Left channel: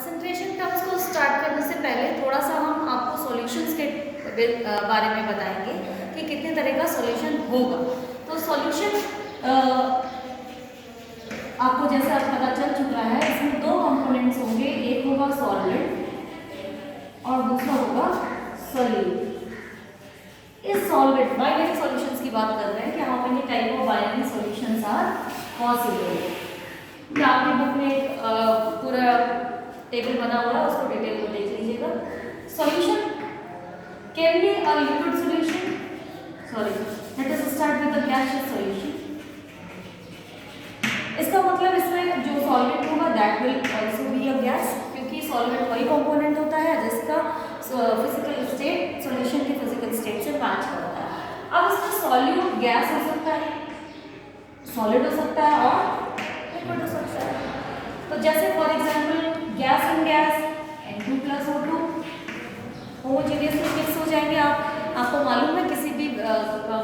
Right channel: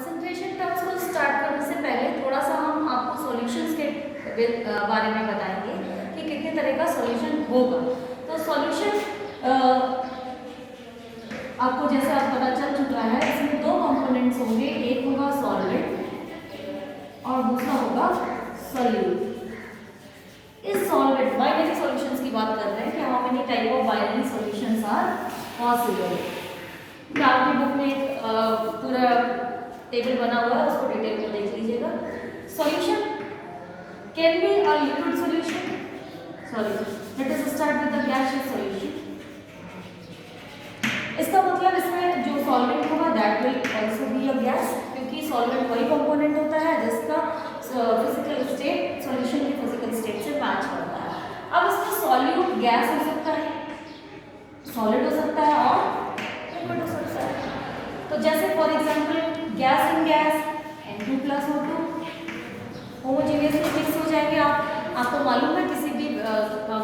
Concentration terms को start करने से पहले थोड़ा सा हम आपको सॉल्यूशंस के बारे में बताएंगे कि कितने तरह का सॉल्यूशन होगा। तो सॉल्यूशन आपको जैसे आप पता चल चुका है, इसमें दो कंपोनेंट्स होंगे, एक होगा सॉल्वेंट और दूसरा होगा सॉल्यूट। इस सॉल्वेंट बाइनरी सॉल्यूशंस की बात कर रहे हैं कि how many type of binary solutions are possible. आपकी बुक में एक पूरा टेबल बना हुआ है, उसको डिटेल में देख लीजिएगा। Solution can be a liquid solution, sorry let us start with the gaseous solution. इसका मतलब इसमें जो सॉल्वेंट होगा that will also be a gas, क्योंकि सॉल्वेंट वही कंपोनेंट होता है जिसका फिजिकल स्टेट सॉल्यूशन की फिजिकल स्टेट से मैच करता है। अब इसमें सॉल्यूट गैस हो सकता है, सॉलिड हो सकता है और लिक्विड हो सकता है। तो जैसे for example gas in gas N2+O2 होमोजेनियसली mix हो जाएंगे। आपको मालूम है किसी भी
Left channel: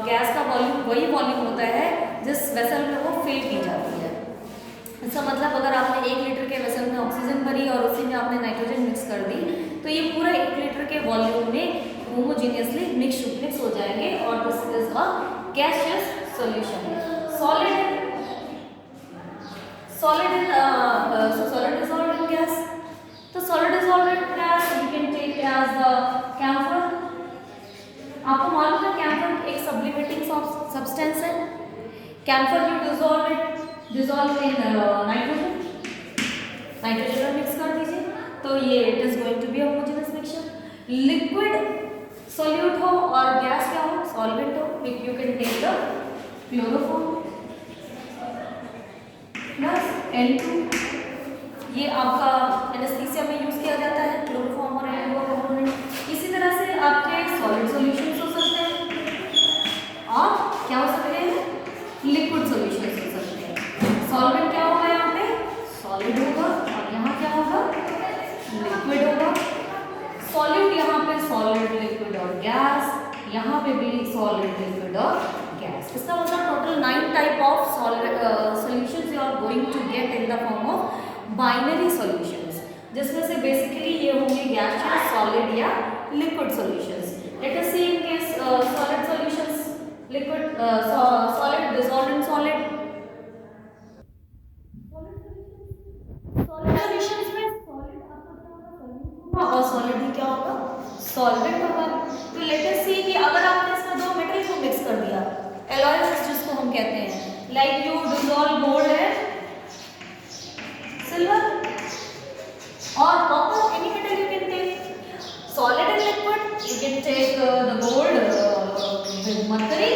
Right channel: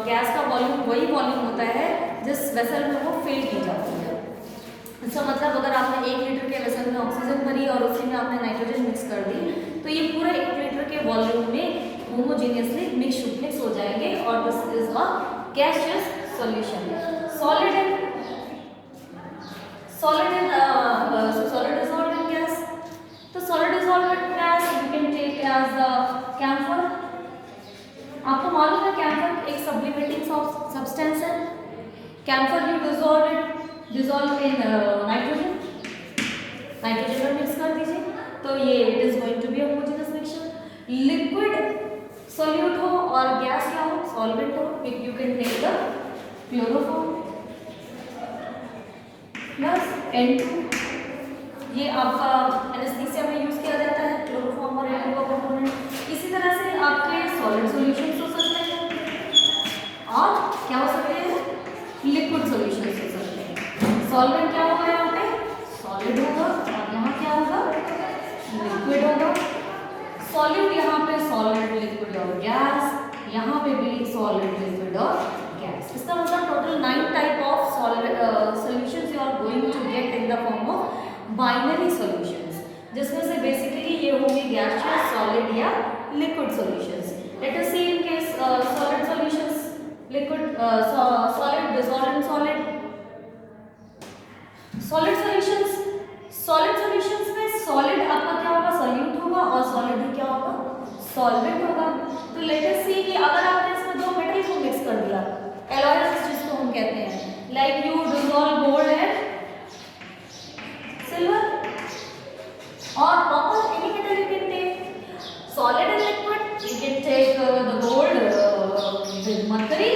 गैस का वॉल्यूम वही वॉल्यूम होता है जिस वेसल में वो फिल की जाती है। इसका मतलब अगर आपने 1 लीटर के वेसल में ऑक्सीजन भरी और उसी में आपने नाइट्रोजन मिक्स कर दी तो ये पूरा 1 लीटर के वॉल्यूम में होमोजेनियसली मिक्स हो जाएंगे और this is a gaseous solution. Solid dissolved in gas. तो solid dissolved in gas we can take as the camphor। आपको मालूम है कैम्फर एक सब्लिमेटिंग सब्सटेंस है। Camphor you dissolve in nitrogen और मिक्स कर दीजिए तो ये it is going to be a homogeneous mixture. Liquid solute हो और गैस क्या हो, सॉल्वेंट हो, you can take the chloroform plus N2। ये आपका एनेस्थीसिया में यूज किया जाता है क्लोरोफॉर्म और N2 का कंपोनेंट। इसी तरह से आपके सॉलिड सॉल्यूशंस हो सकते हैं और क्या हो सकते हैं, लिक्विड सॉल्यूशंस हो सकते हैं। सॉल्वेंट क्या होगा, यहाँ पे सॉलिड होगा और यहाँ क्या होगा, लिक्विड होगा। सॉलिड यहाँ पे सॉलिड, लिक्विड और गैस, यहाँ पे भी सॉलिड, लिक्विड और गैस। इसका मतलब total 9 type of solutions you are going to get in the form of binary solutions, जिसमें से बेसिकली ये होंगे गैसियस, सॉलिड या liquid solutions. Let us see in case solid solutions, liquid solid dissolve in solid. Solid solutions में solid आपका क्या होगा, solute होगा और सॉलिड ही क्या होगा, सॉल्वेंट होगा। तो लेट अस सी कि अगर आपने इसमें दो मेटल को मिक्स कर दिया, एलॉयज जिसको हम कहते हैं, like you dissolve gold and silver और copper, any metal you can take solid and liquid, you can take the gold with mercury is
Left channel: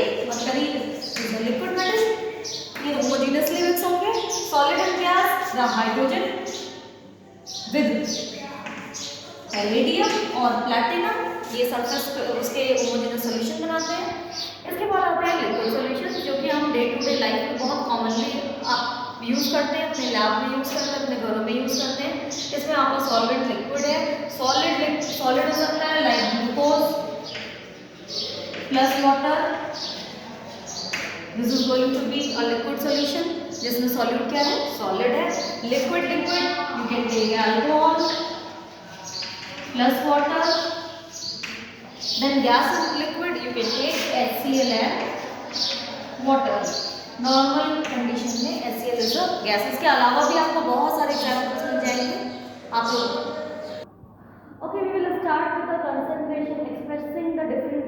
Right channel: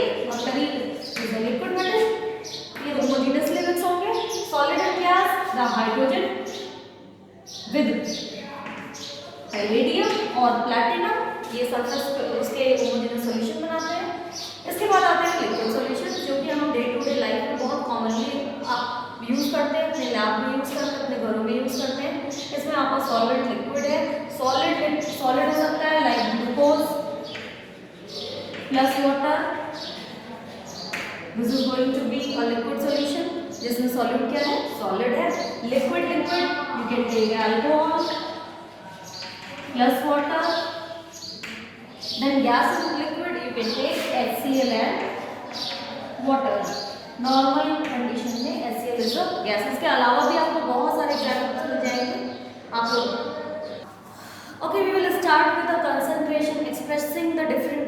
the liquid metal, ये होमोजेनियसली मिक्स होंगे। Solid and gas, the hydrogen with palladium और platinum, ये sulphur उसके homogeneous solution बनाते हैं। इसके बाद आते हैं लिक्विड सॉल्यूशन, जो कि हम डे टू डे लाइफ में बहुत कॉमनली यूज़ करते हैं, अपने लैब में यूज़ करते हैं, अपने घरों में यूज़ करते हैं। इसमें आपका सॉल्वेंट लिक्विड है, सॉलिड हो सकता है like glucose plus water, this is going to be a liquid solution जिसमें सॉल्यूट क्या है, सॉलिड है। Liquid you can take alcohol plus water, then gas liquid you can take HCl and water. Normal condition में HCl is a gas. इसके अलावा भी आपको बहुत सारे एग्जाम्पल्स मिल जाएंगे आप लोग। Okay, we will start with the concentration expressing the different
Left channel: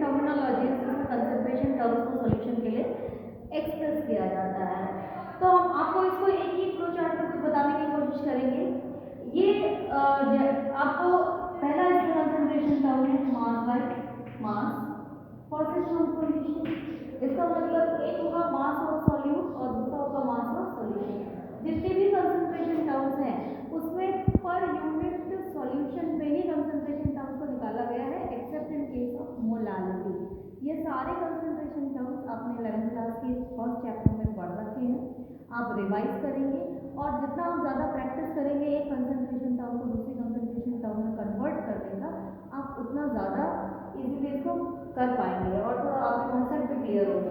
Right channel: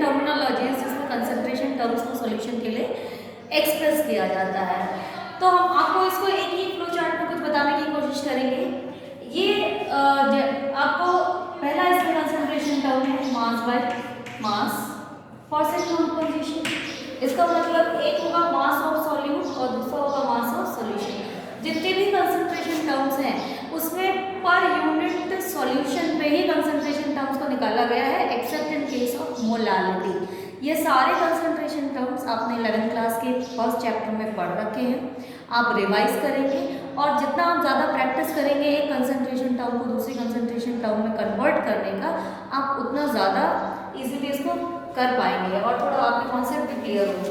terminologies जिसमें कंसंट्रेशन टर्म्स को सॉल्यूशन के लिए एक्सप्रेस किया जाता है। तो हम आपको इसको एक ही फ्लो चार्ट में कुछ बताने की कोशिश करेंगे। ये आपको पहला इसमें कंसंट्रेशन टर्म है मास by mass for second position. इसका मतलब एक होगा मास ऑफ सॉल्यूट और दूसरा होगा मास ऑफ सॉल्यूशन। जितने भी कंसंट्रेशन टर्म्स हैं उसमें पर यूनिट सॉल्यूशन पे ही कंसंट्रेशन टर्म्स को निकाला गया है, accept in case of molality. ये सारे कंसंट्रेशन टर्म्स आपने 11th क्लास के फर्स्ट चैप्टर में पढ़ रखे हैं, आप रिवाइज करेंगे और जितना आप ज़्यादा प्रैक्टिस करेंगे एक कंसंट्रेशन टर्म को दूसरी कंसंट्रेशन टर्म में कन्वर्ट करने का, आप उतना ज़्यादा इजीली इसको कर पाएंगे और थोड़ा आपके कॉन्सेप्ट भी क्लियर होंगे।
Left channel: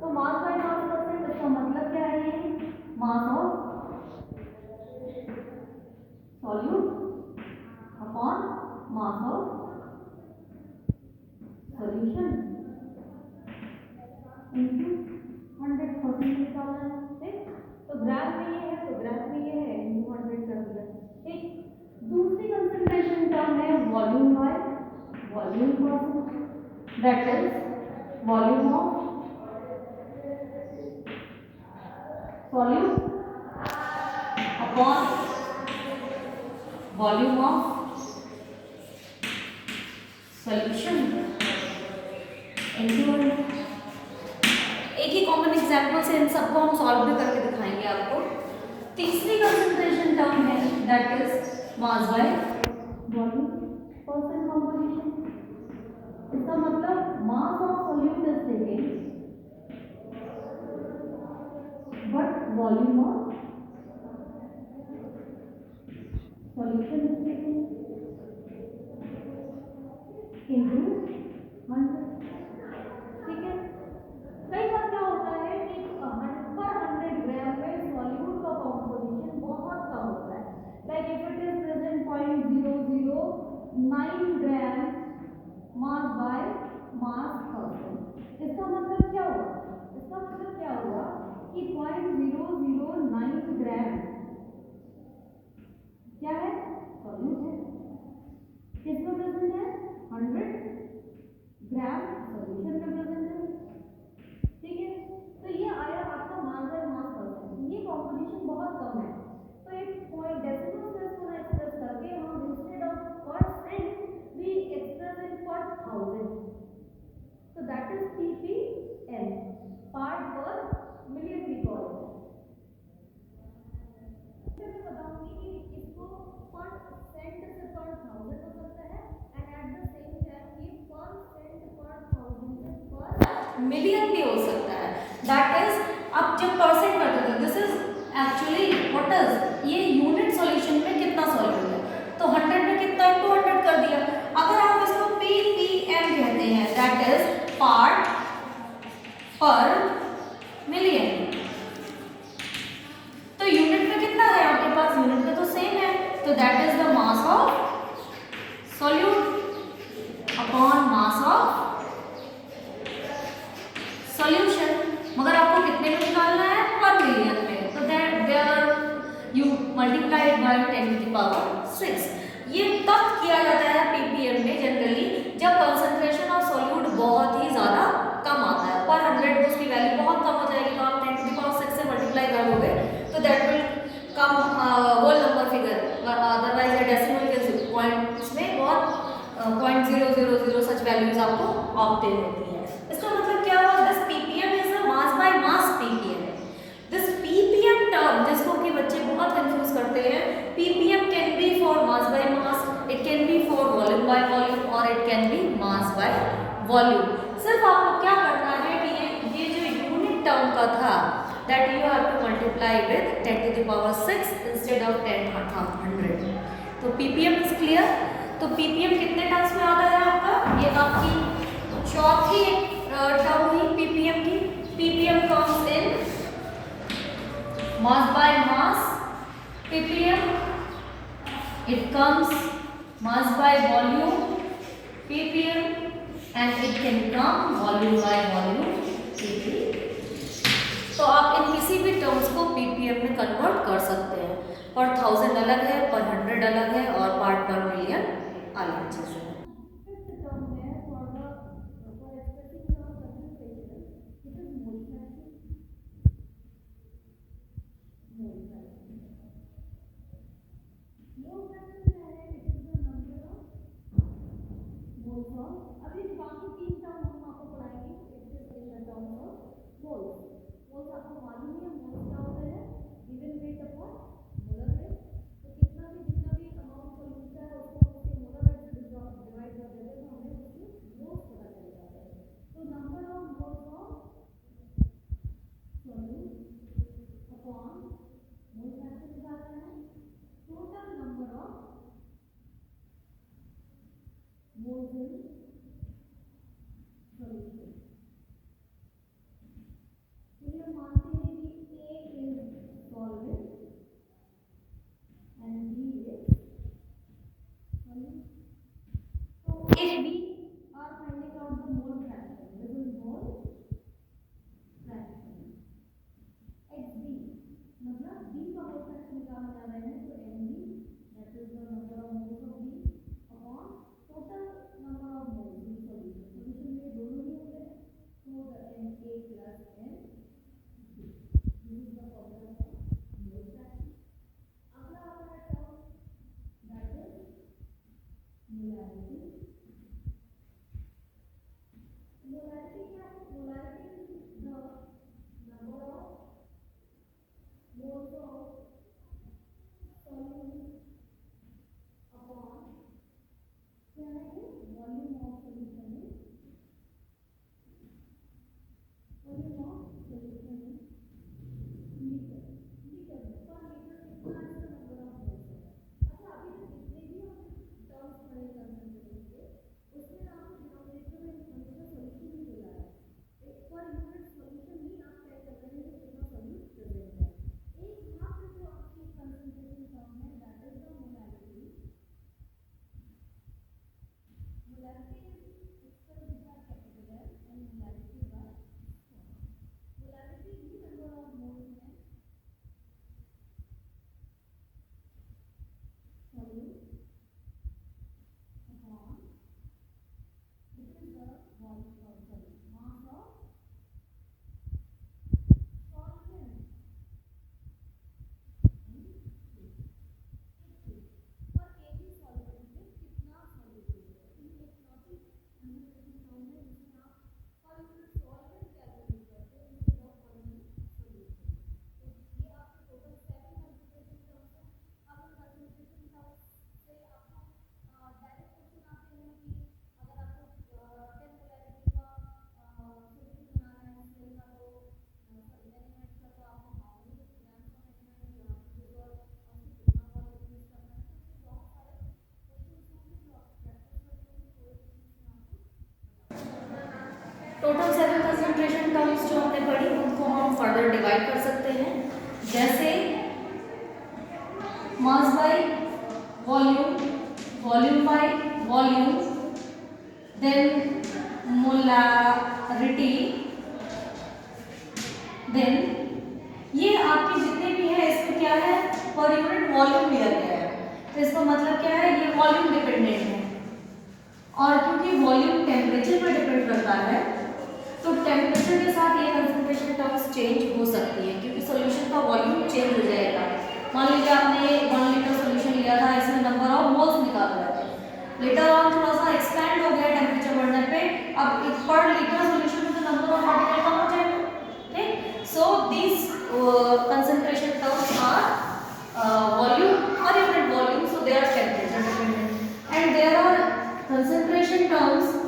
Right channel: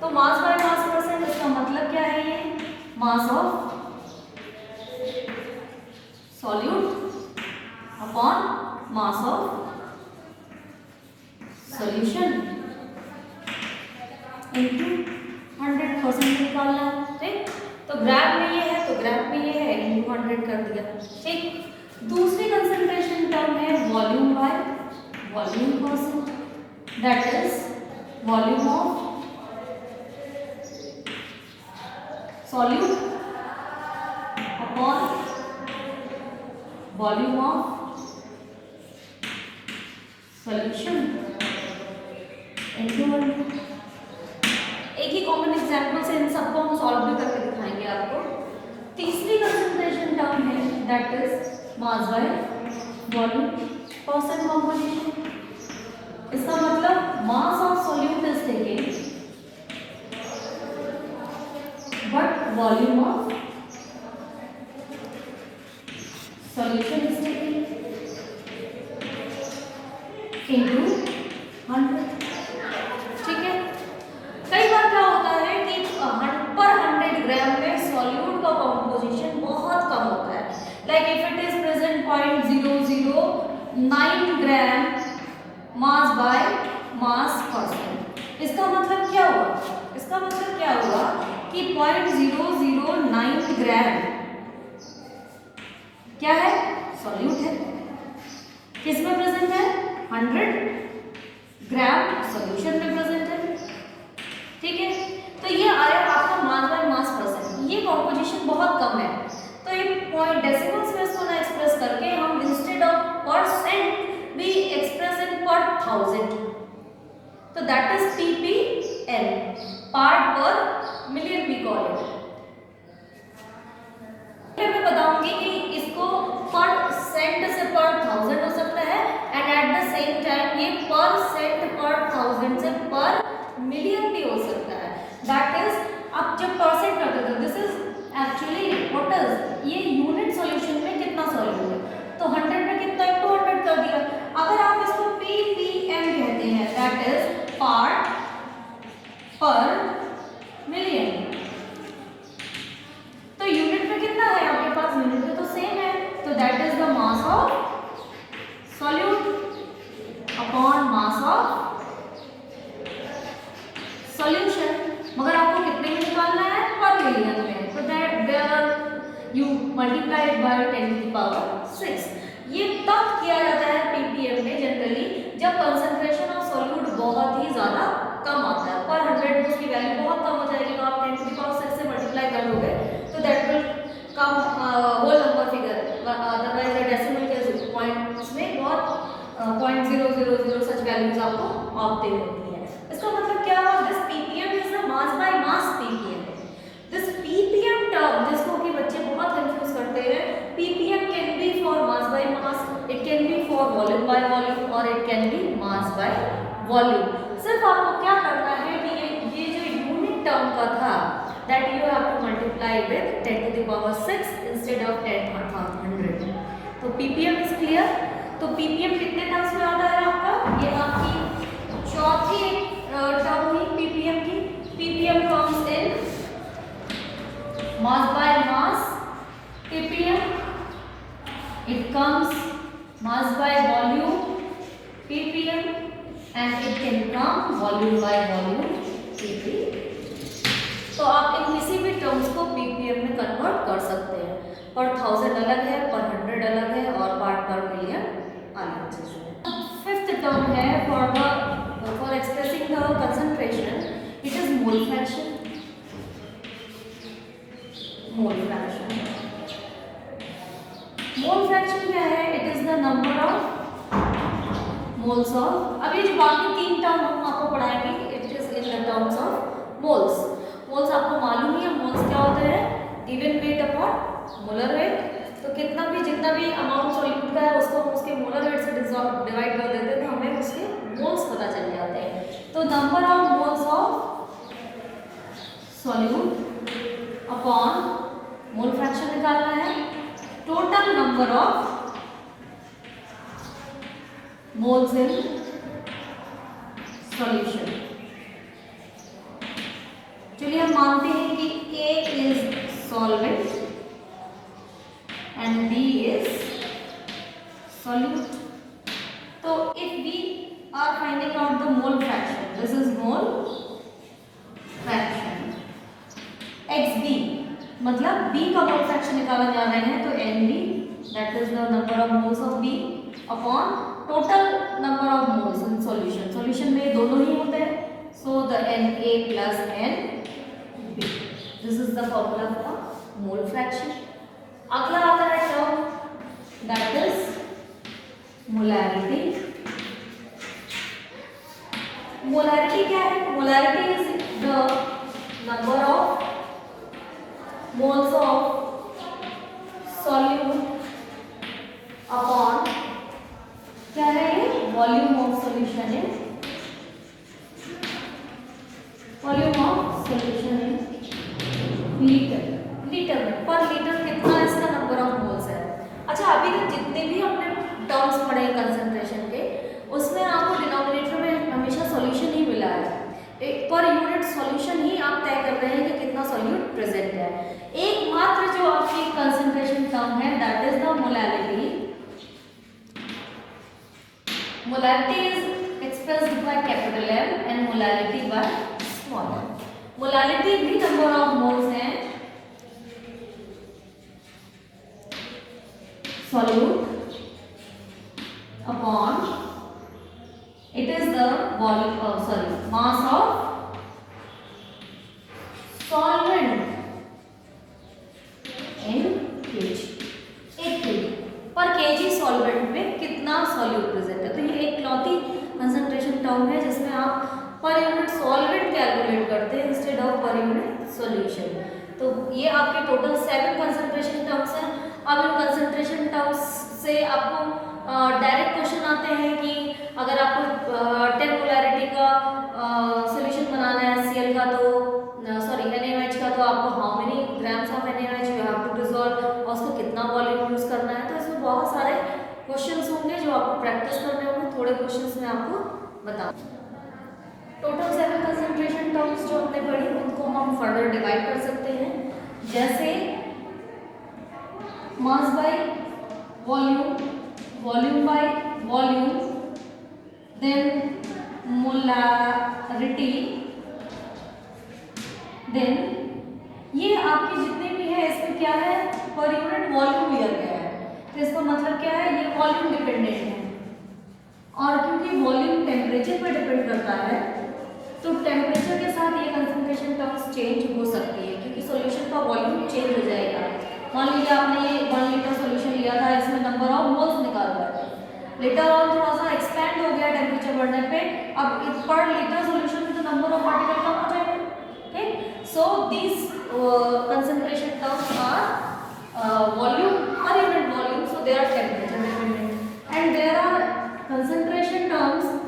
तो मास बाय मास परसेंट, इसका मतलब क्या है, ये mass of solute upon mass of solution into 100% निकालना है, ठीक। तो ग्राफ में ये है तो ग्राफ में ये है, इंटू 100 कर दिया, ठीक। दूसरी कंसंट्रेशन टर्म है volume by volume percent, that is volume of solute upon volume of solution into 100। एक ही कॉमन एग्जाम्पल से इन सबको हम सॉल्व भी करके दिखाएंगे आपको। तीसरी कंसंट्रेशन टर्म है that is mass by volume percent composition. इसका मतलब mass of solute is taken but volume of solution is taken into 100, ठीक है। कई बार क्या होता है कि पर 100 ग्राम में सॉल्यूट का कॉम्पोजिशन बहुत कम होता है, like if it is present 0.009 gram mass by mass percent. इसका मतलब क्या हुआ, इसका मतलब क्या हुआ कि 0.009 ग्राम क्या है, सॉल्यूट है। किसमें प्रेजेंट है, 100 ग्राम सॉल्यूशन में प्रेजेंट है, ठीक है। तो ये आया आपका मास बाय मास परसेंट, ये कॉम्पोजिशन बहुत कम है। तो ये पॉइंट डेसिमल्स में इसको ना एक्सप्रेस करके हम instead of percent we express in per 1000, तो that is ppm, part per million we call it. मैं बताऊंगी कि इसको पर सेंट से पर 1000 हो सकता है, and at the same time ये पर सेंट पर 1000 से पर मिलियन भी हो सकता है। दैट इज अब जब परसेंट करते थे, this is actually what is, ये यूनिट सॉल्यूशन में कितना सॉल्यूट है, तो 100 में कितना है, 200 कर दिया। अगर आप इसको ppm कहते हैं that is part per million, तो यूनिट में कितना है आपके पास, यूनिट में तो सेम है, तो that is the mass of solute upon mass of solution. मगर आपको कितने में निकालना है, पर मिलियन में, तो दैट यू मल्टीप्लाइड बाय 10⁶। ये तब किया जाता है ppm में जनरली जब कंसंट्रेशन ऑफ सॉल्यूट बहुत ही ज्यादा कम आता है। पर 100 उसकी वैल्यू बहुत कम हो जाएगी, तो आप 10⁶ से मल्टीप्लाई कर लोगे तो that will come whole number figure, otherwise decimal के पॉइंट्स में बहुत 0.000 सच वैल्यूज आपको ऑब्टेन होती है। इसका मतलब क्या हुआ, this ppm is the mass by mass ppm। This ppm term जिसको कि बच्चे बहुत कंफ्यूज करते हैं, ppm can be for mass by mass, it can be for volume by volume, और it can be mass by volume. सिर्फ आपको क्या करना है कि ये जो यूनिट टर्म का था that you have to multiply with 10⁶ instead of 10,100। तो ppm इज क्लियर। तो ppm कितने टर्म्स में आता है आपका, ये आपकी चौथी टर्म हुई ppm की। ppm comes in mass by mass ppm, it comes mass by volume ppm, and it can come volume by volume ppm। तो आप इन किसी भी टर्म्स को ppm में कन्वर्ट कर सकते हैं। पर 1000 अलग है, पर 100 अलग है, और पार्ट पर मिलियन अलग चीज है। फिफ्थ टर्म है for expressing the concentration, it is mole fraction. Mole fraction, mole fraction क्या है, it is the number of moles of, अभी जो बाकी 3 टर्म हम आपको पढ़ाएंगे it is in the terms of moles. Moles आपको मालूम ही है, मोल्स क्या होते हैं, given weight upon molar weight. तो कितना भी जितना भी अमाउंट सॉल्यूट का है उसको उसके मोलर वेट से डिवाइड कर देते हैं, तो हमें उसके मोल्स पता चल जाते हैं। तो number of moles of solute upon mole fraction निकालना है, total number of moles in solution. चलिए हम मानते हैं कि A is solvent and B is solute. So if we are finding out the mole fraction, this is mole fraction, XB मतलब B का mole fraction निकाला जा रहे हैं, तो NB that is the number of moles of B upon total number of moles in solution. Solution में दोनों ही होते हैं, so the Na plus NB. This is the formula for mole fraction. अगला आता है term that is molarity. Molarity क्या है? Molarity is the number of moles of solute upon क्या है ये? Volume of solution है. Volume of solution है लीटर में, पर लीटर कितना इसका नंबर ऑफ मोल्स है. अच्छा, अभी तक जितने भी हमने टर्म्स पढ़े कंसंट्रेशन के, उसमें आपको डिनोमिनेटर में हमेशा सॉल्यूशन ही मिला है. एक पर यूनिट सॉल्यूशन ही आप तय कर रहे हैं कि कितना सॉल्यूट प्रेजेंट है. एकमात्र जो आपकी कंसंट्रेशन टर्म है that is the molarity. Molarity is expressed by capital M and molarity by small m. Molarity भी नंबर ऑफ मोल्स हैं solute upon it is the volume mass of solvent in kg. 1 kg पर kg solvent में कितना solute present है. तो ये एक लौती concentration term है जिसमें आप पर यूनिट सॉल्वेंट कैलकुलेट करते हैं instead of per unit solution. तो ये आपके टोटल 7 कंसंट्रेशन टर्म्स हैं. अब इन कंसंट्रेशन टर्म्स से आपको डायरेक्ट क्वेश्चन आते हैं कि अगर आपको 10 मोलैरिटी का सॉल्यूशन बनाना है Cl का, तो सॉरी NaOH का, तो आपको how many grams of NaOH you have to dissolve और उसको कितना वॉल्यूम यूज करना है. तो इसमें बहुत सारे क्वेश्चंस होंगे जो आपको प्रैक्टिस करने होंगे. थोड़े क्वेश्चंस मैं आपको बताऊंगी. टोटल 7 कंसंट्रेशन टर्म्स जो हमने पढ़ी उनको हम फर्दर डिवाइड कर सकते हैं, जैसे mass by volume, volume by volume, then molarity, then ये आपके जितने भी है इसमें क्या है पर यूनिट वॉल्यूम लिया गया है. तो इसका मतलब क्या है, ये वॉल्यूम डिपेंडेंट है. और क्योंकि वॉल्यूम टेम्परेचर पर डिपेंड करता है, तो टेम्परेचर के साथ ये कंसंट्रेशन टर्म्स चेंज हो सकती है, क्योंकि सॉल्यूशन का वॉल्यूम चेंज हो जाएगा. मान लीजिए आपने 1 लीटर सॉल्यूशन लिया था, इसमें नंबर ऑफ मोल्स निकाल रहा है, लेटर ऑन थोड़ा सा एक्सपैंड हो गया टेम्परेचर बढ़ने पे, अब पर लीटर सॉल्यूशन में तो नंबर ऑफ पार्टिकल कम हो जाएगा. ठीक, so this concentration terms are volume और unit volume, so they are temperature dependent. And there are concentration terms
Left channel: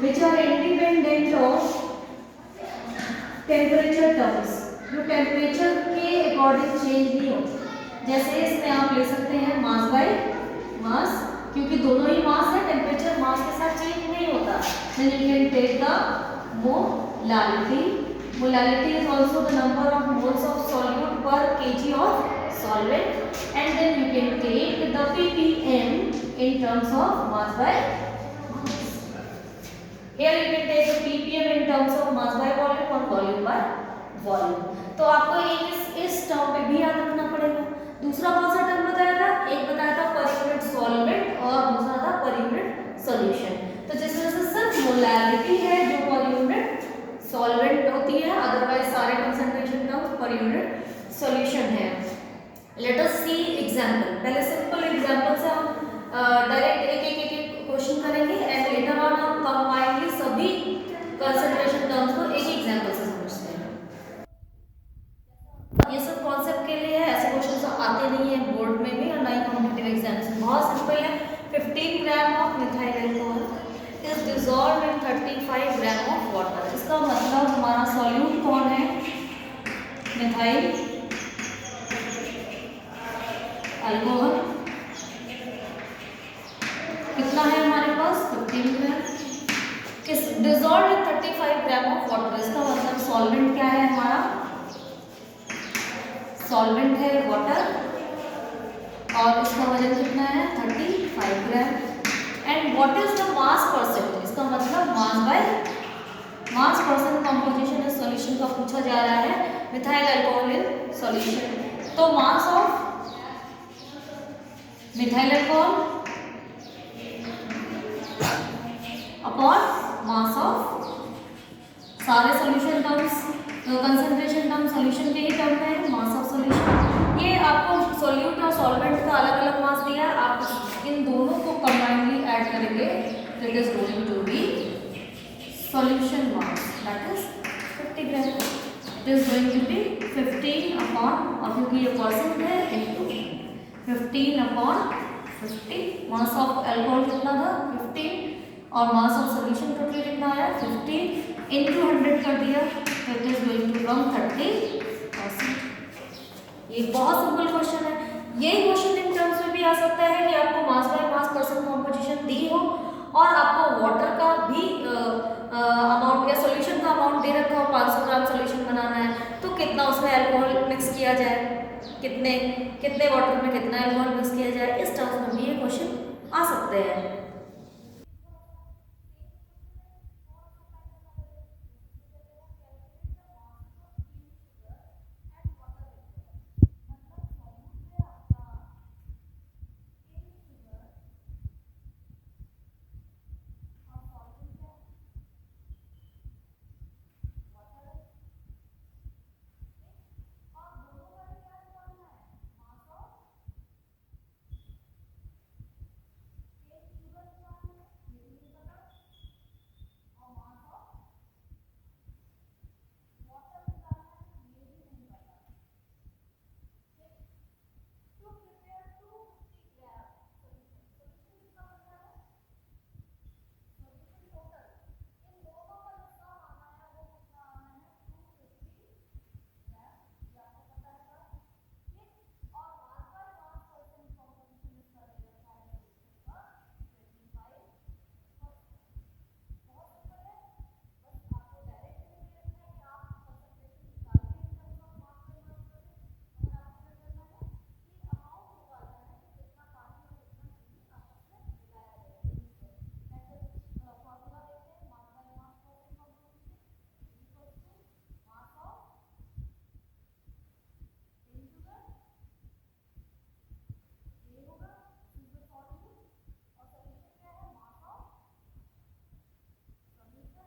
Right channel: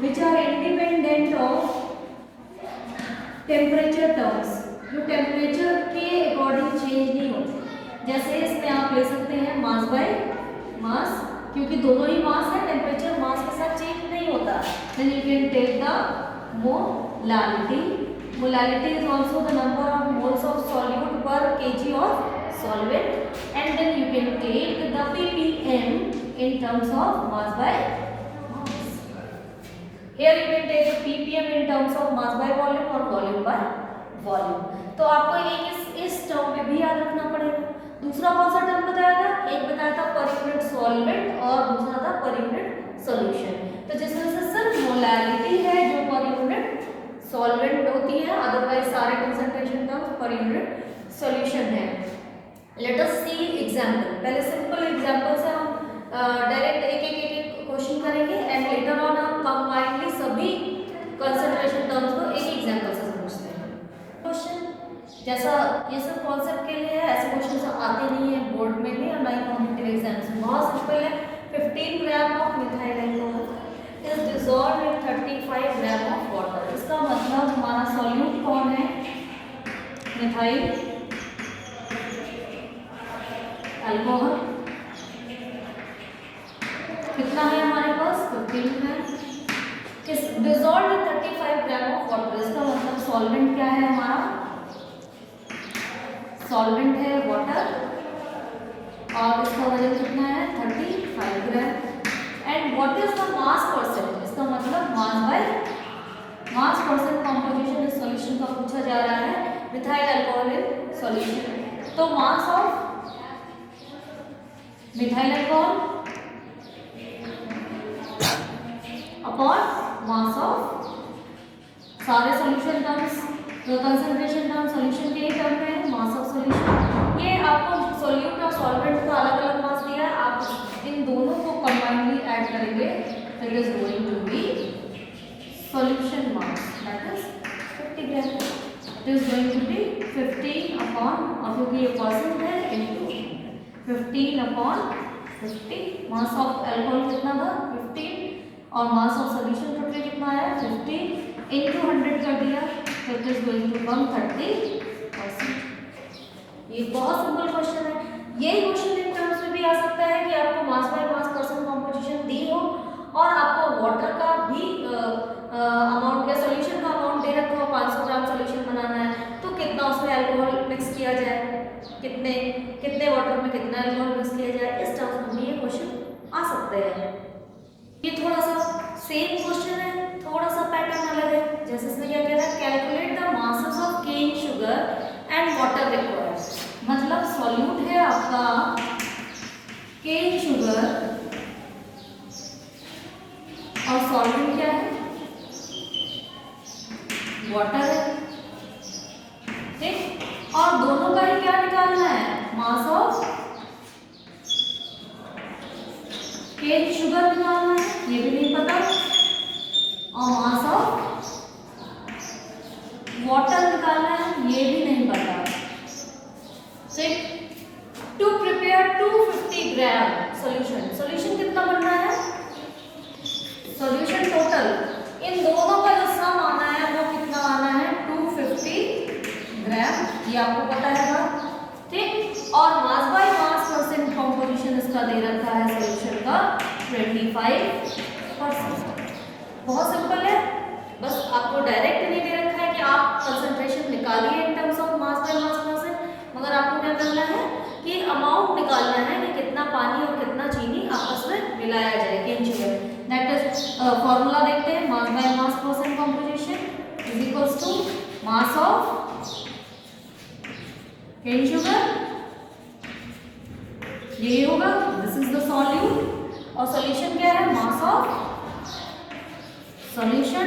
which are independent of temperature terms, जो टेम्परेचर के अकॉर्डिंग चेंज नहीं होते. जैसे इसमें आप ले सकते हैं मास बाय मास, क्योंकि दोनों ही मास है, टेम्परेचर मास के साथ चेंज नहीं होता. then you can take the molality. Molality is also the number of moles of solute per kg of solvent, and then you can take the ppm in terms of mass by mass. Here you can take the ppm in terms of mass by volume or volume by volume. तो आपको एक इस term पे भी याद रखना पड़ेगा. दूसरा कौन सा टर्म बताया था? एक बताया था पर यूनिट सॉल्वेंट और दूसरा था पर यूनिट सॉल्यूशन. तो जिसमें से सिर्फ मोलैरिटी है जो पर यूनिट सॉल्वेंट होती है, अदरवाइज सारे concentration terms per unit solution है. लेट अस सी एग्जांपल. पहले सिंपल एग्जांपल से हम डायरेक्ट एक क्वेश्चन करेंगे एंड लेटर ऑन हम कंबाइनली सभी कंसंट्रेशन टर्म्स को एक एग्जांपल से समझते हैं. क्वेश्चन जैसा ये सब कॉन्सेप्ट के लिए है, ऐसे क्वेश्चन तो आते नहीं है बोर्ड में भी और ना ही कॉम्पिटिटिव एग्जाम्स में. बहुत सिंपल है. 15 gram of methyl alcohol is dissolved in 35 gram of water. इसका मतलब हमारा सॉल्यूट कौन है? Methyl alcohol. कितना है हमारे पास? 15 ग्राम. इस dissolved in 35 gram of water. इसका मतलब सॉल्वेंट क्या है हमारा? सॉल्वेंट है वाटर और इसका वजन कितना है 35 gram. And what is the mass percent, इसका मतलब मास परसेंट कंपोजिशन इस सॉल्यूशन का पूछा जा रहा है मिथाइल अल्कोहल इन सॉल्यूशन। तो mass of methyl alcohol upon mass of सारे solution terms, concentration term solution के ही टर्म में है, मास ऑफ सॉल्यूशन। ये आपको सॉल्यूट और सॉल्वेंट का अलग अलग मास दिया है, आप इन दोनों को कंबाइनली ऐड करेंगे तो it is going to be solution mass that is 50 gram. It is going to be 15 upon, और क्योंकि ये परसेंट है into 15 upon 50। Mass of alcohol कितना था 15 और मास ऑफ सॉल्यूशन टोटल कितना आया 50 इनटू 100 कर दिया, it is going to come 30%। ये बहुत सिंपल क्वेश्चन है। यही क्वेश्चन इन टर्म्स में भी आ सकता है कि आपको mass by mass percent composition दी हो और आपको वाटर का भी अमाउंट या सॉल्यूशन का अमाउंट दे रखा हो, 500 ग्राम सॉल्यूशन बनाना है तो कितना उसमें अल्कोहल मिक्स किया जाए, कितने वाटर में कितना अल्कोहल मिक्स किया जाए, इस टर्म्स में भी ये क्वेश्चन आ सकते हैं। ये थोड़ा सा सेम क्वेश्चन है, थोड़ा सा पैटर्न अलग है। जैसे इसमें क्या कह रहा है, calculate the masses of cane sugar and water required. मतलब सॉल्यूट है आपका केन शुगर और सॉल्वेंट क्या है वाटर है, ठीक। और दोनों का ही क्या निकालना है, मास ऑफ केन शुगर निकालना है, ये भी नहीं पता, और मास ऑफ वाटर निकालना है, ये भी नहीं पता, ठीक। To prepare 250 gram solution, solution कितना बनना है, सॉल्यूशन टोटल इन दोनों का जो सम आना है वो कितना आना है 250 ग्राम, ये आपको पता है, ठीक। और मास बाय मास परसेंट कंपोजिशन इसका दे रखा है सॉल्यूशन का 25%। बहुत सिंपल है, बस आपको डायरेक्ट नहीं दे रखा है कि आप कंसंट्रेशन निकालिए in terms of mass by mass percent, मगर आपको क्या करना है कि अमाउंट निकालना है कि कितना पानी और कितना चीनी आपस में मिलाया जाए cane sugar. That is formula देखते हैं, mass by mass percent composition is equals to mass of cane sugar, यही होगा, दिस इज द सॉल्यूट, और सॉल्यूशन क्या है mass of solution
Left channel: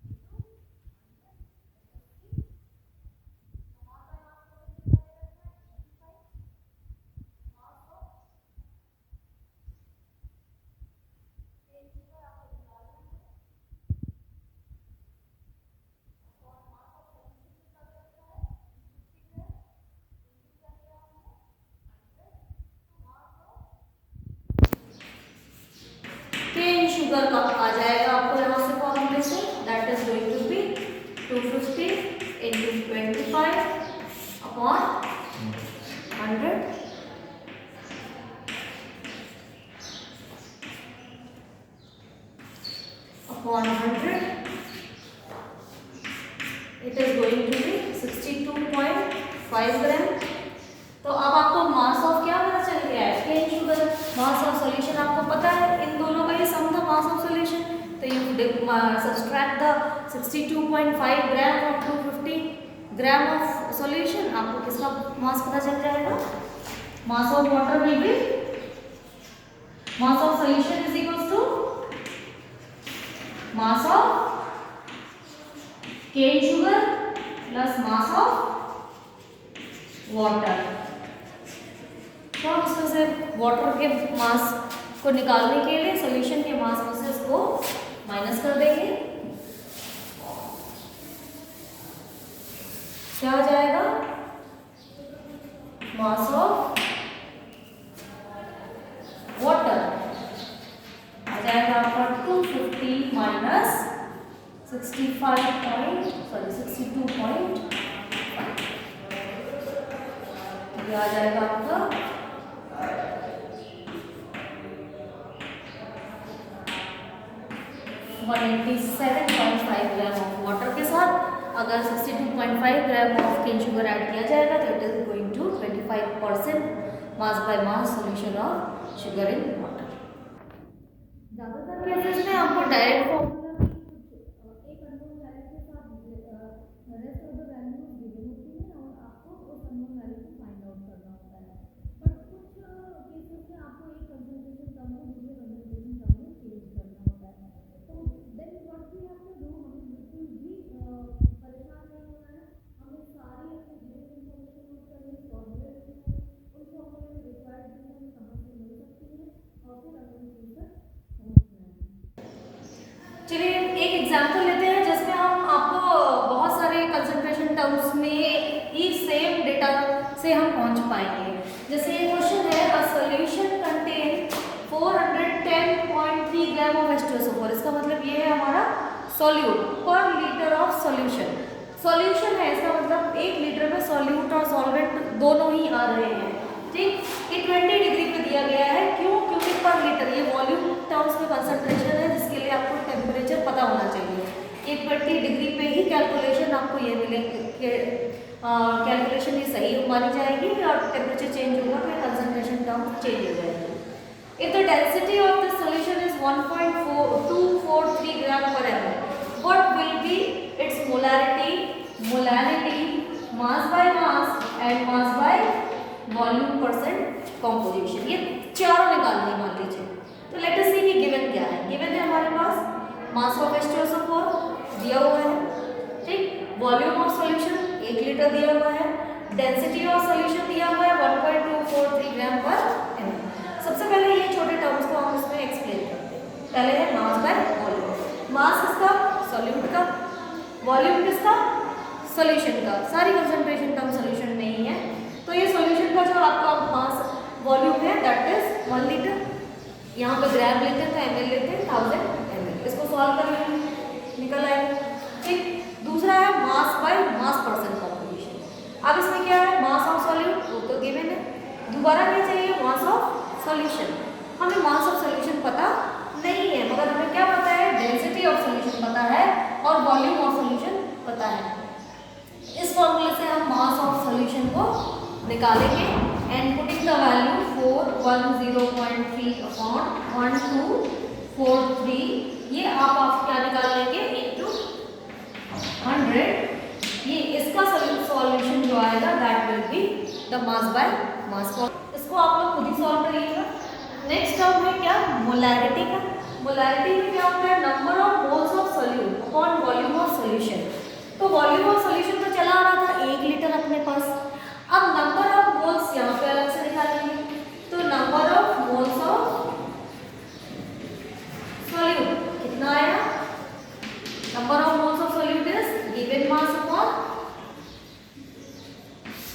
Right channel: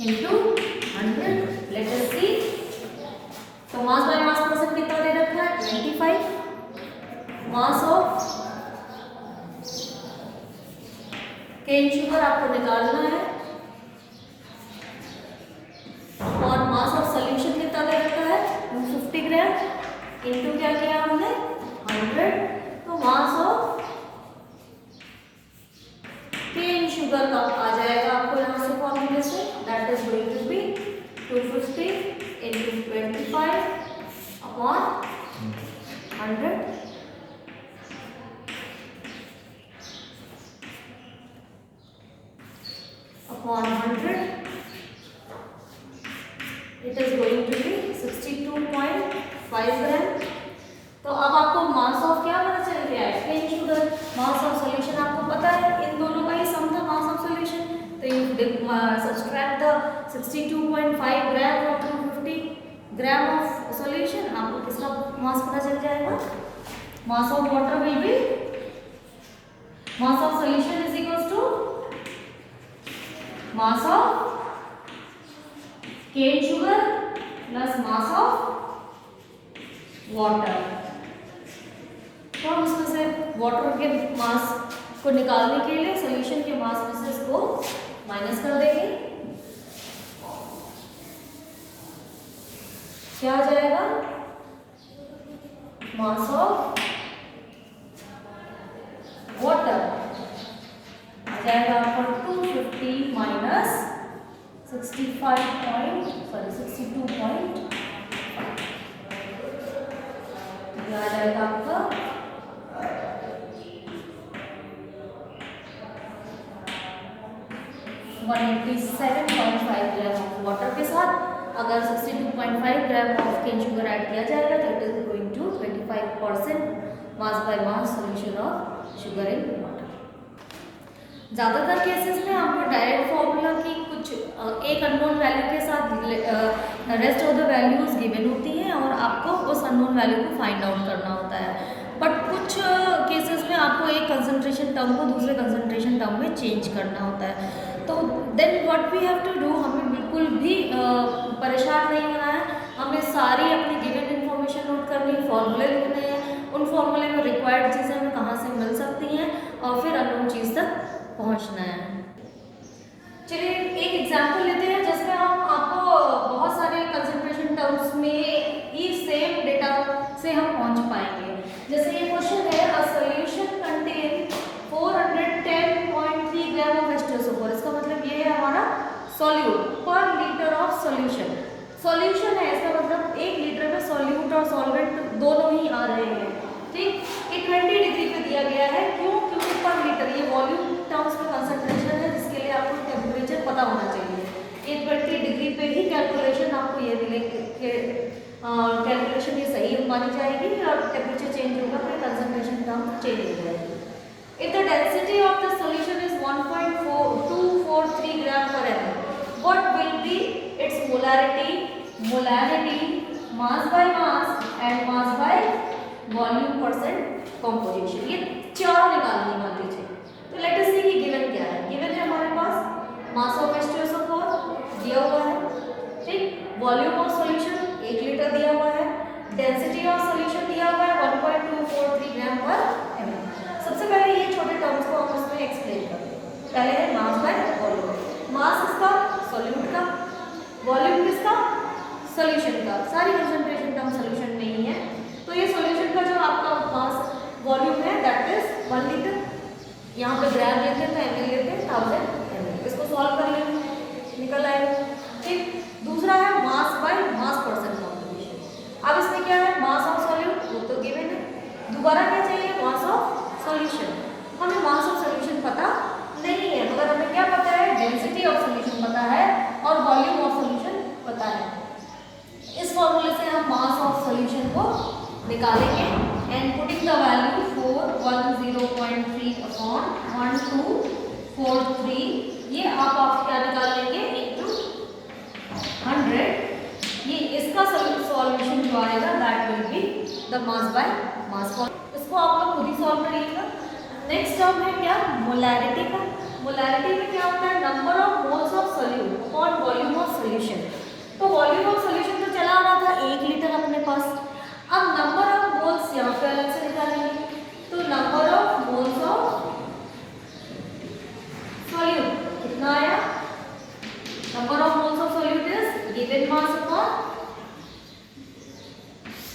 into 100। Let us see, तो मास बाय मास परसेंट कितना दे रखा है 25, मास ऑफ केन शुगर आपको निकालना है, और मास ऑफ सॉल्यूशन कितना दे रखा है 250 ग्राम इनटू क्या किया हमने 100, तो मास ऑफ केन शुगर का आ जाएगा आपको यहाँ से फॉर्मूले से, that is going to be 250 into 25 upon 100 upon 100, it is going to be 62.5 ग्राम। तो अब आपको मास ऑफ क्या पता चल गया है cane sugar, mass of solution आपको पता है, इन दोनों का ही सम था मास ऑफ सॉल्यूशन, तो यू सब्सट्रैक्ट द 62.5 ग्राम और 250 ग्राम ऑफ सॉल्यूशन, आपको किसका मास पता चल जाएगा, mass of water will be, mass of solution is equals to mass of cane sugar plus mass of water. तो हम इसमें से वाटर के मास को निकालने के लिए सॉल्यूशन के मास में से इसको माइनस कर देंगे, क्या आ जाएगा मास ऑफ वाटर आ जाएगा आपका 250 माइनस 62.5, ये आ जाएगा आपका 187.5 ग्राम ऑफ वाटर के साथ अगर 62.5 gram of cane sugar add किया जाएगा तो it is going to mass by mass solution of sugar in water. ज़्यादातर केसेस में आपको डायरेक्ट फॉर्मूला की कुछ एक अननोन वैल्यू के साथ rest of the values given होती हैं और आपको उस अननोन वैल्यू को फाइंड आउट करना होता है। बट कुछ केसेस में आपको एक कंसंट्रेशन टर्म को दूसरे कंसंट्रेशन टर्म में चेंज करना होता है। तो then what we have to do, हमें बिल्कुल भी परेशान नहीं होना है, हमें सारी अपनी गिवन इन्फॉर्मेशन नोट करनी, फॉर्मूले लिखने हैं, उन फॉर्मूले में रिक्वायर्ड चीज़ें हमें कहाँ से मिल सकती हैं और फिर अननोन चीज़ तक पहुँचना है। चलिए एक एग्जाम्पल लेते हैं जिसमें हम आपको बहुत सारे कंसंट्रेशन टर्म्स में ही सेम डेटा से हम पहुँच पाएंगे। जैसे ये क्वेश्चन है, a solution contain 410.3 gram of H2SO4। इसका मतलब ये है हमारा सॉल्यूट पर लीटर ऑफ सॉल्यूशन। सॉल्यूशन है, इसका मतलब 1 लीटर में सॉल्यूट और सॉल्वेंट दोनों ही आ रहे हैं। ठीक, ये 20 डिग्री पे दिया गया है। क्यों? क्योंकि पर लीटर ये वॉल्यूम टर्म्स में कंसंट्रेशन है, जिसके लिए आपको टेम्परेचर पता होना चाहिए। ये 20 डिग्री पे ही कैलकुलेशन आपको ये मिलेगी, कैलकुलेशन ये सही मानी जाएगी और टेम्परेचर चेंज होगा तो कंसंट्रेशन टर्म चेंज हो जाएगी। If the density of the solution is 1.243 gram per ml, what will be its molarity, molarity, mass by mass and mass by volume percent composition? ये चारों निकालने मान लीजिए। तो लेट अस सी कि गिवन क्या है। गिवन है हमारे पास मास ऑफ H2SO4 दिया हुआ है, ठीक, वॉल्यूम ऑफ सॉल्यूशन 1 लीटर दिया हुआ है, डेंसिटी ऑफ सॉल्यूशन दिया हुआ है 1.243 ग्राम पर ml। सबसे पहले ये छोटे टर्म्स को हम उसमें एक्सप्लेन करते हैं। पहले है मास बाय वॉल्यूम। मास किसका? सॉल्यूट का। वॉल्यूम किसका? सॉल्यूशन का। सारी कंसंट्रेशन टर्म सॉल्यूशन में ही है। तो ये सॉल्यूशन का जो आपका मास वॉल्यूम है दैट इज 1 लीटर। यहाँ पे ग्राम लेते हैं तो ml लेते हैं 1000 ml। इसको सॉल्व कर लेंगे, निकल आएगा। ठीक, दूसरा है मास बाय मास परसेंट कॉम्पोजिशन। अब इसमें क्या है? मास ऑफ सॉल्यूट वो तो गिवन है, दोबारा क्या चाहिए? मास ऑफ सॉल्यूशन। हमें मास ऑफ सॉल्यूशन पता नहीं है, मगर हमें क्या पता है? डेंसिटी ऑफ सॉल्यूशन पता है और वॉल्यूम ऑफ सॉल्यूशन पता है। इस फॉर्मूले से हम मास ऑफ सॉल्यूशन को निकालेंगे and putting the value 410.3 upon 1243, ये आप क्या निकाल लेंगे? इनटू 100। ये इसका सॉल्यूशन जो आएगा that will be the mass by मास। इसको आप लोग खुद ही सॉल्व करिएगा। नेक्स्ट टर्म है क्या? मोलैरिटी का। मोलैरिटी में क्या होता है? Number of moles of solute upon volume of solution. तो वॉल्यूम ऑफ सॉल्यूशन तो चला आ रहा था 1 लीटर अपने पास। अब नंबर ऑफ मोल्स यहाँ पे अलग से निकालेंगे। तो number of moles of solute कितना आया? Number of moles of solute is given mass upon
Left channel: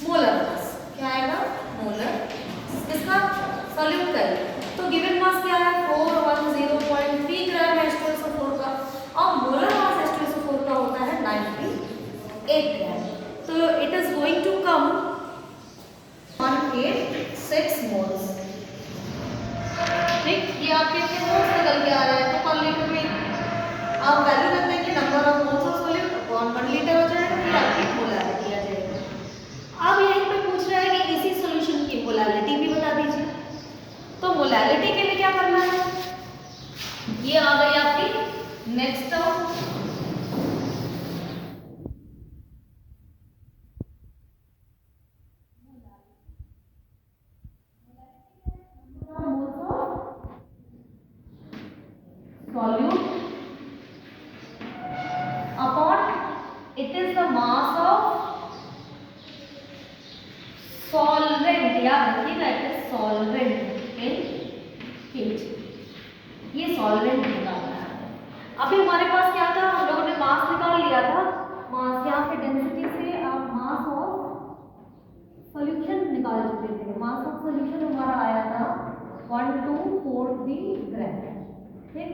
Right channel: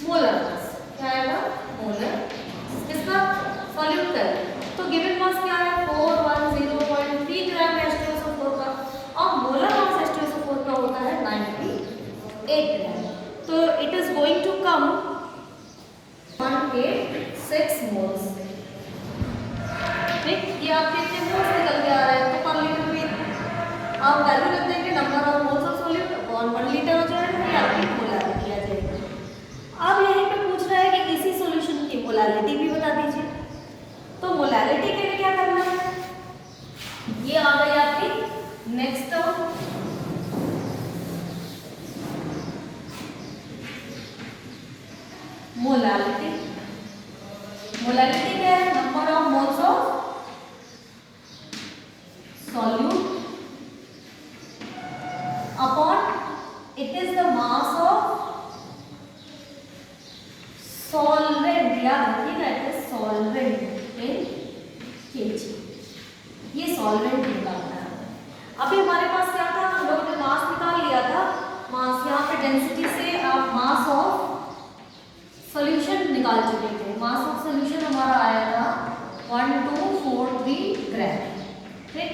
molar mass. क्या आएगा? मोलर इसका सॉल्यूट का है। तो गिवन मास क्या है? 410.3 ग्राम H2SO4 का और मोलर मास H2SO4 का होता है 98 ग्राम। तो it is going to come 186 moles. ठीक, ये आपके कितने मोल्स निकल के आ रहे हैं? तो पर लीटर में आप वैल्यू रख देंगे number of moles of solute upon 1 litre हो जाएगा, ये आपकी मोलैरिटी आ जाएगी। अब यहीं पे पूछ रहा है कि इसी सॉल्यूशन की मोलैरिटी भी बता दीजिए। तो मोलैरिटी के लिए क्या करना है? ये आ गई आपकी नेक्स्ट टर्म। मोलैरिटी। मोलैरिटी क्या है? Number of moles of solute upon it is the mass of solvent. याद रखिएगा, it is solvent in KG. ये सॉल्वेंट निकालना है। अभी हमारे पास क्या था? हम लोगों ने मास निकाल लिया था। मास यहाँ पे डेंसिटी से आप मास ऑफ सॉल्यूशन निकाल चुके थे। मास ऑफ सॉल्यूशन हमारा आया था 1243 ग्राम। ठीक,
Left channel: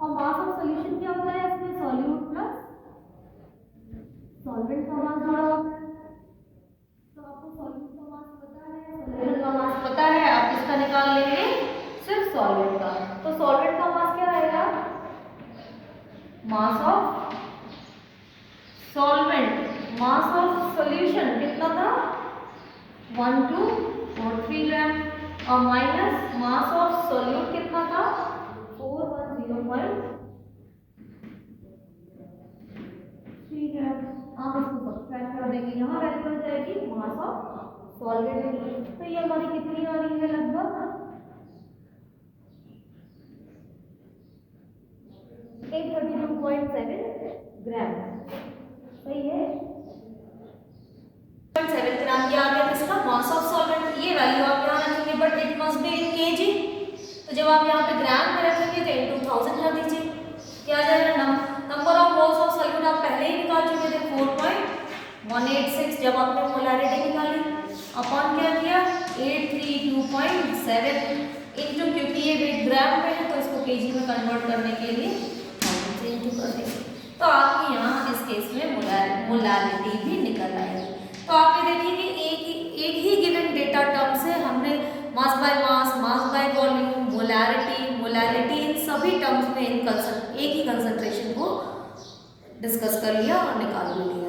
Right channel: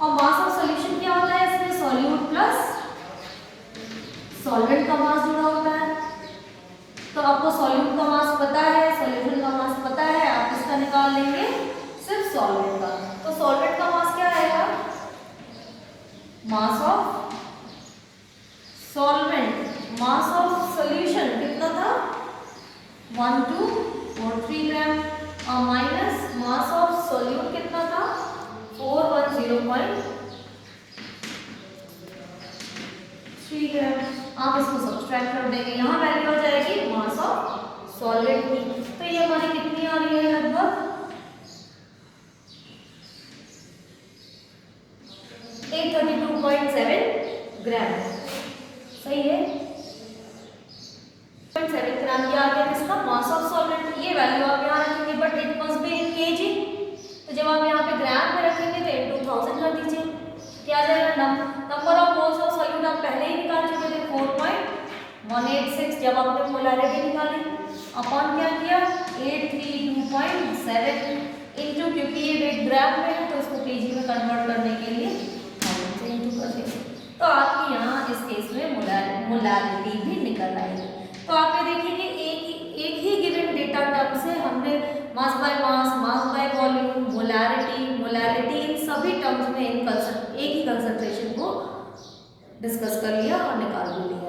और मास ऑफ सॉल्यूशन क्या होता है? इसमें सॉल्यूट प्लस सॉल्वेंट का मास जुड़ा होता है। तो आपको सॉल्यूट का मास पता है, सॉल्यूशन का मास पता है, आप इसका निकाल लेंगे सिर्फ सॉल्वेंट का। तो सॉल्वेंट का मास क्या आएगा? Mass of solvent, mass of solution कितना था? 1243 43 ग्राम और माइनस मास ऑफ सोल्यूट कितना था 410.3 ग्राम। आप इसको सब्सट्रैक्ट कर देंगे, यहाँ वैल्यू आ जाएगी मास ऑफ सॉल्वेंट की। तो ये हमारी कितनी आ रही है लगभग 832.7 ग्राम। सही है 7 ग्राम क्या आ गया किसका मास ऑफ सॉल्वेंट। ये वैल्यू आप यहाँ रखेंगे but it must be in KG. तो जब आप यहाँ पे ग्राम में रखेंगे तो इनटू 1000 रख दीजिए। क्या आ जाएगा number of moles of solute आप पहले ही निकाल चुके थे 4.186 जब आपने मोलैरिटी निकाली अपॉन क्या किया 832.7 इनटू, क्योंकि ये वेट ग्राम में है तो इसको केजी में कन्वर्ट करने के लिए इनटू कर देंगे। तो आपकी यहाँ इस केस में मोलैरिटी भी निकल आएगी। तो आप ये देखिए कि एक ही गिवन डेटा टर्म से हमने mass by mass, mass by volume, molarity इन सभी टर्म्स में एक ही कंसंट्रेशन को डिस्कस कर लिया और निकाल लिया।